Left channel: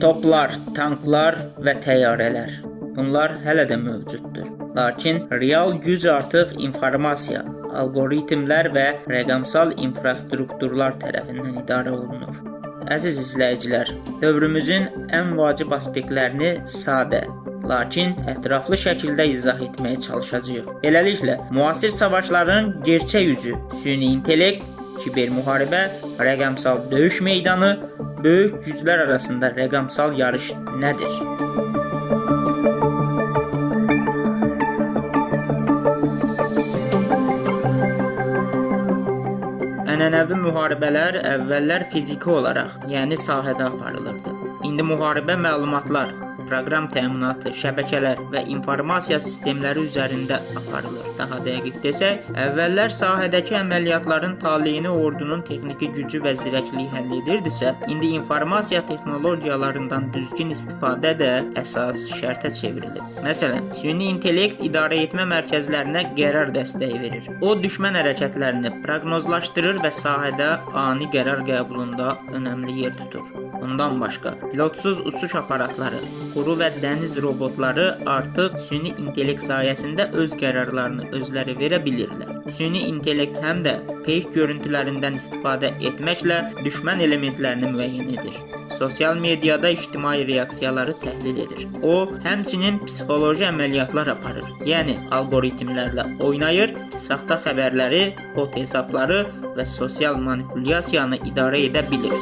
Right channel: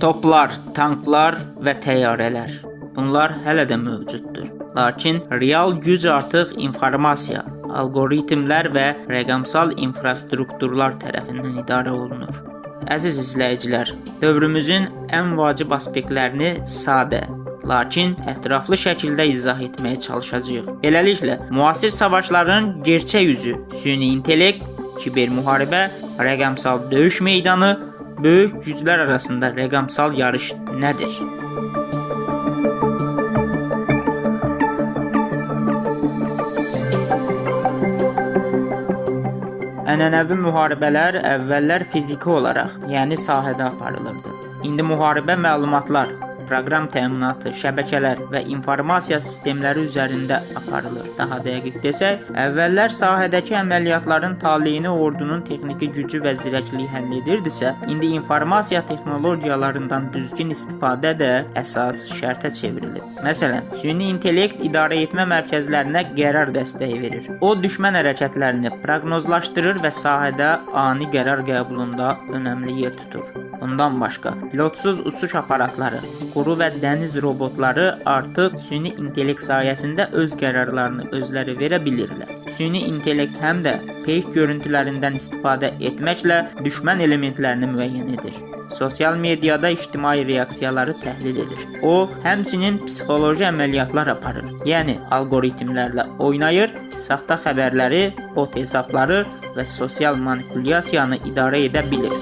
Toplar, tanklar və təyyarələr. Bunlar hələ də mövcuddur. Lakin real güc artıq informasiya, algoritmlər və rəqəmsal infrastrukturlar tərəfindən idarə olunur. Əziz izləyicilər, dövrümüzün ən vacib aspektlərini sadə, lakin ətraflı şəkildə izah etməyə çalışacağıq. Beləliklə, müasir savaşların gerçək yüzü, süni intellekt, kiber müharibə, rəqəmsal döyüş meydanı, böyük güclər arasında rəqəmsal yarış nədir? Ənənəvi müharibələr əvvəllər fiziki olaraq, yəni sahədə aparılırdı. İndi müharibə məlumatlar, proqram təminatı, şəbəkələr və informasiya sistemləri üzərində aparılır. Daha dəqiq desək, əvvəllər sahədəki əməliyyatların taleyini ordunun texniki gücü və zirəkliyi həll edirdisə, indi informasiya texnologiyalarından düzgün istifadə də əsas şərtə çevrilir. Məsələn, süni intellekt idarə etmə mərkəzlərinə qərar dəstəyi verir. O, düşmən hərəkətlərini proqnozlaşdırır və sahədə ani qərar qəbulunda önəmli yer tutur. Bundan başqa, pilotsuz uçuş aparatları, quru və dəniz robotları artıq süni intellekt sayəsində öz qərarlarını özləri verə bilirlər. Süni intellekt həm də fake görüntülərindən istifadə etməklə düşmən elementlərini müəyyən edir. Sosial mediada ictimai reaksiyaları təhlil edir. O, həmçinin psixoloji əməliyyatlar aparır. Yəni, algoritmlərlə oynayır, saxta xəbərləri, bot hesabları və sosial manipulyasiyanı idarə edə bilir.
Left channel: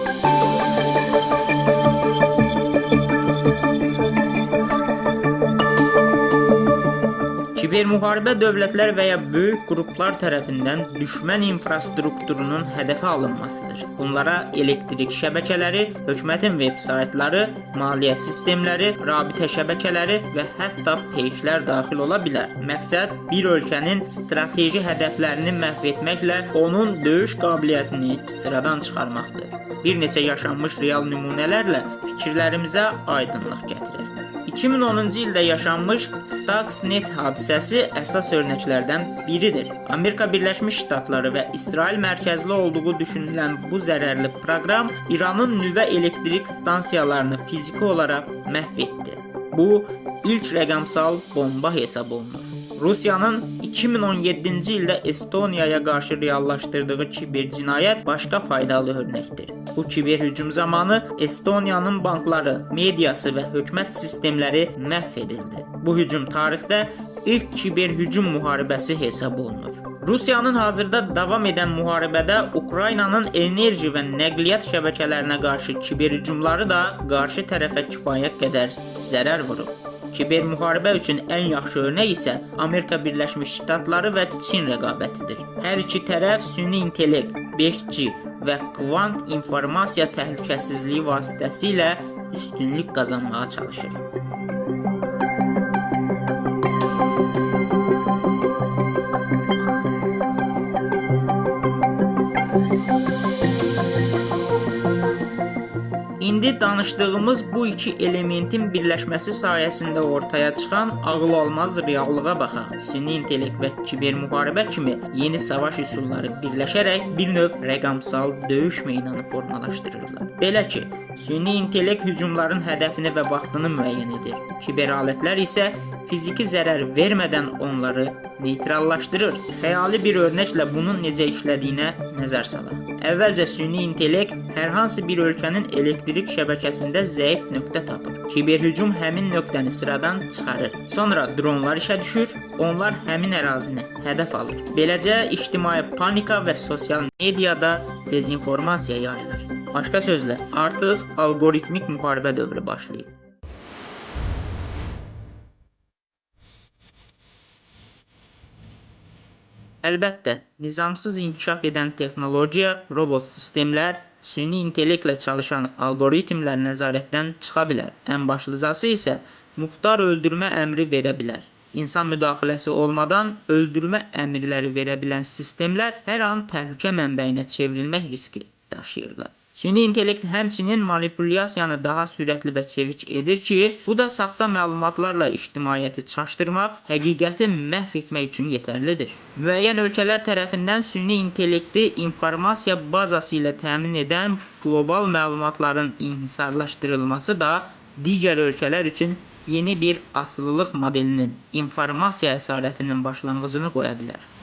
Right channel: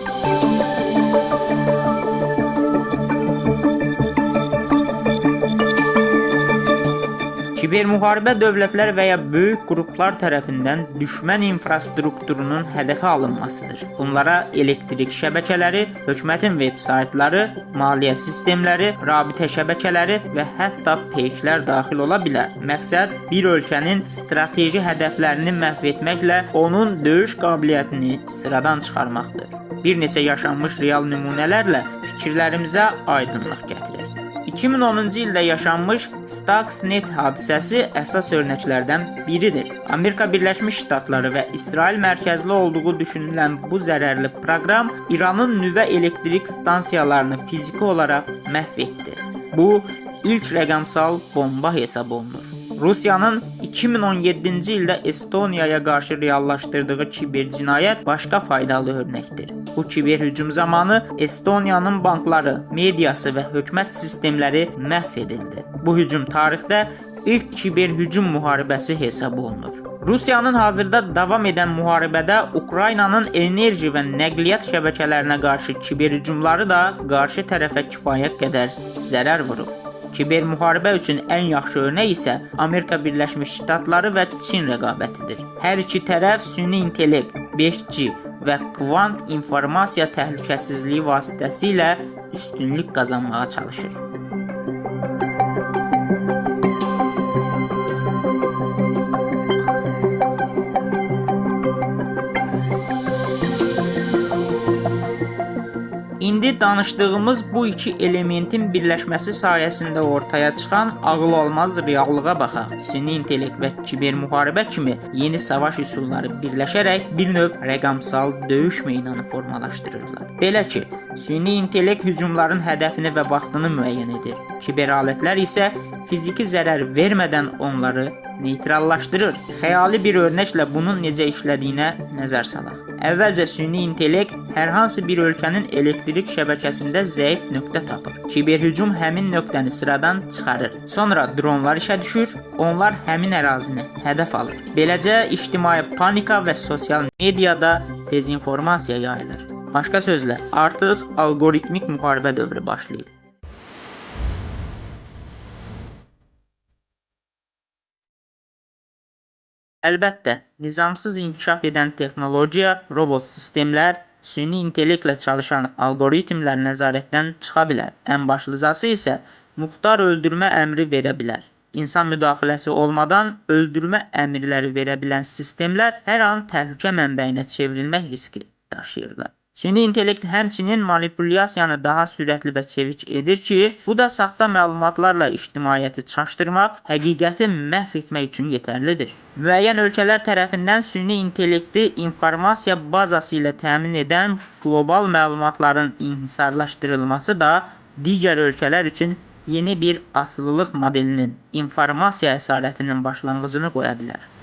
Kiber müharibə dövlətlər və ya böyük qruplar tərəfindən düşmən infrastrukturunun hədəfə alınmasıdır. Bunlara elektrik şəbəkələri, hökumətin veb saytları, maliyyə sistemləri, rabitə şəbəkələri və hətta peyklər daxil ola bilər. Məqsəd bir ölkənin strateji hədəflərini məhv etməklə onun döyüş qabiliyyətini sıradan çıxarmaqdır. Bir neçə yaşanmış real nümunələrlə fikirlərimizə aydınlıq gətirir. 2010-cu ildə yaşanmış Stuxnet hadisəsi əsas örnəklərdən biridir. Amerika Birləşmiş Ştatları və İsrail mərkəzli olduğu düşünülən bu zərərli proqram İranın nüvə elektrik stansiyalarını fiziki olaraq məhv etdi. Bu, ilk rəqəmsal bomba hesab olunur. Rusiyanın 2017-ci ildə Estoniyaya qarşı reallaşdırdığı kiber cinayət başqa faydalı örnəkdir. Bu kiber hücum zamanı Estoniyanın bankları, mediası və hökumət sistemləri məhv edildi. Bu hücum tarixdə ilk kiber hücum müharibəsi hesab olunur. Rusiyanın hazırda davam edən müharibədə Ukraynanın enerji və nəqliyyat şəbəkələrinə qarşı kiber hücumları da qarşı tərəfə kifayət qədər zərər vurub. Kiber müharibə üçün ən yaxşı örnək isə Amerika Birləşmiş Ştatları və Çin rəqabətidir. Hər iki tərəf süni intellekt, 5G və kvant informasiya təhlükəsizliyi vasitəsilə üstünlük qazanmağa çalışır. İndi danışdığımız bu iki elementin birləşməsi sayəsində ortaya çıxan ağıl almaz reallığa baxaq. Süni intellekt və kiber müharibə kimi yeni savaş üsulları birləşərək bir növ rəqəmsal döyüş meydanı formalaşdırırlar. Belə ki, süni intellekt hücumların hədəfini və vaxtını müəyyən edir. Kiber alətlər isə fiziki zərər vermədən onları neytrallaşdırır. Xəyali bir örnəklə bunun necə işlədiyinə nəzər salaq. Əvvəlcə süni intellekt hər hansı bir ölkənin elektrik şəbəkəsində zəif nöqtə tapır. Kiber hücum həmin nöqtəni sıradan çıxarır. Sonra dronlar işə düşür, onlar həmin ərazini hədəf alır. Beləcə ictimai panika və sosial mediada dezinformasiya yayılır. Başqa sözlə, artıq algoritmik müharibə dövrü başlayır. Əlbəttə, nizamsız inkişaf edən texnologiya, robot sistemlər, süni intellektlə çalışan algoritmlər nəzarətdən çıxa bilər. Ən başlıcası isə muxtar öldürmə əmri verə bilər. İnsan müdaxiləsi olmadan öldürmə əmrləri verə bilən sistemlər hər an təhlükə mənbəyinə çevrilmək riski daşıyırlar. Süni intellekt həmçinin manipulyasiyanı daha sürətli və çevik edir ki, bu da saxta məlumatlarla ictimaiyyəti çaşdırmaq, həqiqəti məhv etmək üçün yetərlidir. Müəyyən ölkələr tərəfindən süni intellekti informasiya bazası ilə təmin edən qlobal məlumatların inhisarlaşdırılması da digər ölkələr üçün yeni bir asılılıq modelinin, informasiya əsarətinin başlanğıcını qoya bilər.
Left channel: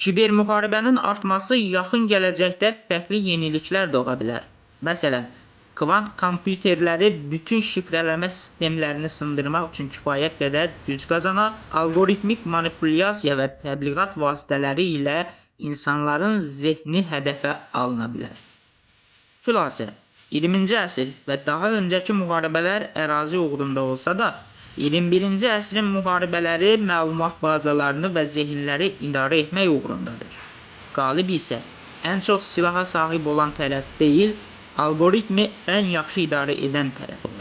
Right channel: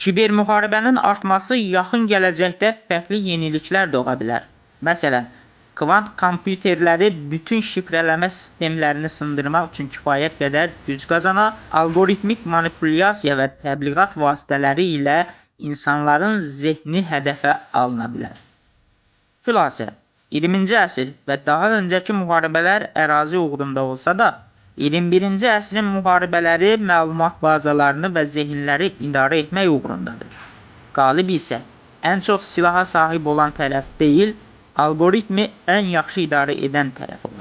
Kibermüharibənin artması yaxın gələcəkdə fərqli yeniliklər doğura bilər. Məsələn, kvant kompüterləri bütün şifrələmə sistemlərini sındırmaq üçün kifayət qədər güc qazana, algoritmik manipulyasiya və təbliğat vasitələri ilə insanların zehni hədəfə alına bilər. Xülasə, 20-ci əsr və daha öncəki müharibələr ərazi uğrunda olsa da, 21-ci əsrin müharibələri məlumat bazalarını və zehinləri idarə etmək uğrundadır. Qalib isə ən çox silaha sahib olan tərəf deyil, algoritmi ən yaxşı idarə edən tərəf olur.